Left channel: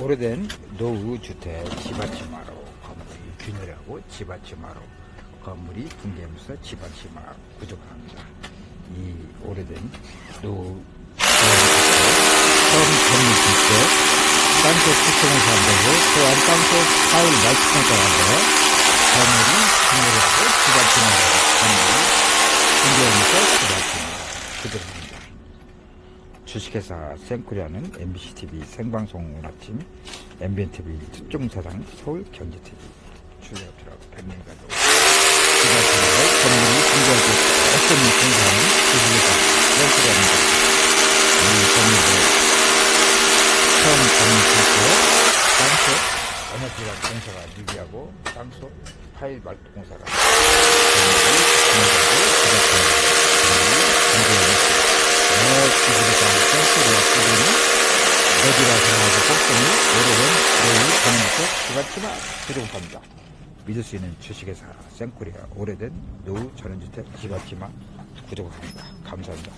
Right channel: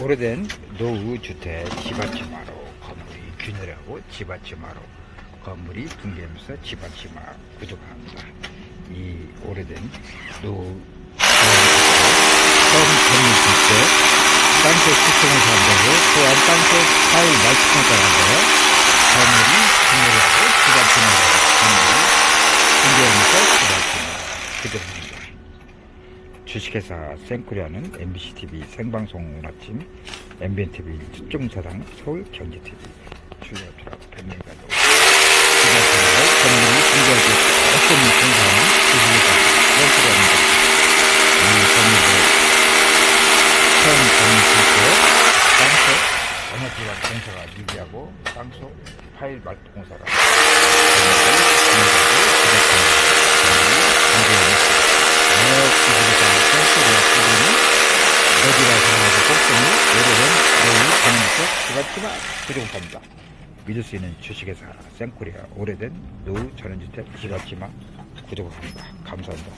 오래된 노후 주택 집앞치마로 건물이 균열하고 집앞치마로 건물이 붕괴하면서 집앞치마 구조합니다. 이 오래된 노후 처음 건물 주택 땅속 시스템을 사용하고 또한 땅속 파일 말투평가가 하고 건물이 균열하고 집앞치마로 건물이 붕괴하면서 집앞치마 구조합니다. 주식회사 생코리아는 MBCTV 생방송 아침, MBNTV 특종사장 서울 경제TV 출연업체라고 변경이 가지고 주식회사의 전문이 공개하고 어떤 공사하는 주식회사 생코리아입니다. 이 건물을 처음 때 땅속 에너지방 공사가 미비하고 땅속 파일 말도 공사가 공개하고 제작하는 건물이 공개하는 기술에 서 센스를 쓰고는 어디라 생각하고 꼭정이 오래된 내일 전원주택 주간치마 구종합니다. 믿을 수 있는 주식회사 생코리아 오래된 노후 전원주택 주간치마 구종합니다. 감사합니다.